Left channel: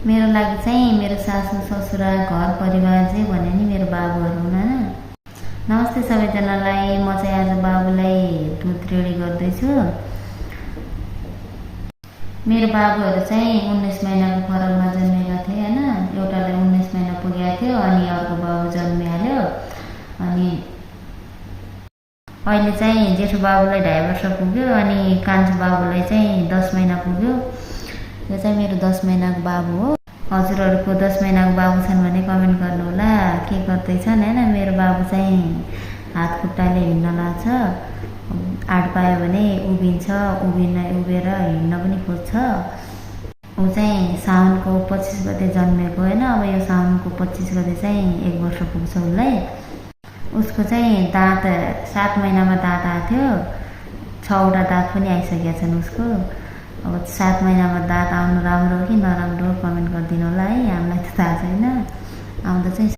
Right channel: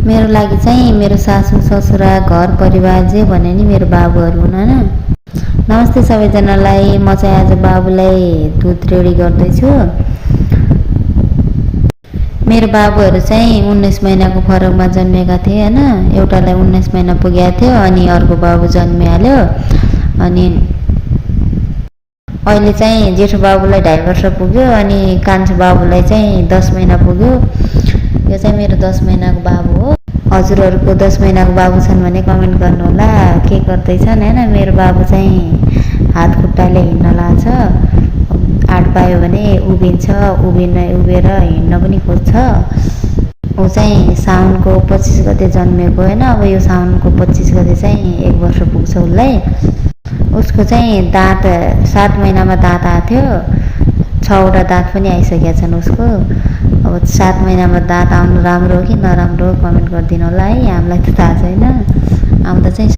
मेरो लागि चाहिँ मेरो सासू ससुरा घर परिवार जे भने नि मेरो बाबुहरू हुन् होइन। नमस्ते सबैजनालाई। म चाहिँ आज बाबुलाई दुध रेडी गर्दैछु। मेरो बाबुहरू चाहिँ 19 महिनाको फरकमा जन्मेका थिए होइन। एउटालाई 19 महिना पुगेको थियो अनि अर्को बाबु जन्मिहाल्यो। अनि अहिले चाहिँ जेठो बाबुलाई 2.5 वर्ष पुग्यो अनि कान्छो बाबुलाई चाहिँ 10 महिना पुग्यो। यो चाहिँ मेरो 10 महिनाको बाबु हो। हजुरहरूको 10 महिनाको बाबु छन् भने कमेन्ट गर्नुहोला के गर्दैछन् होइन। मेरो बाबु चाहिँ हात खुट्टाले हिँड्न लाग्छ, आँट पायो भने उभिन्छ, उभिएर हिँड्न पनि खोज्छ। ऊ चाहिँ साउनको 25 गते जन्मेको होइन। अब यो साउनको 25 गते चाहिँ 1 वर्ष पुग्छ उसलाई। उसको चाहिँ दाँत 7 महिनामा दाँत आएको थियो। 6वटा दाँत पनि आइसकेका छन् उसको। अब 7 महिनामा दाँत आउनु राम्रो हो कि नराम्रो हो कमेन्ट गरिदिनु होला है। हामीलाई त थाहा छैन। आउँदा चाहिँ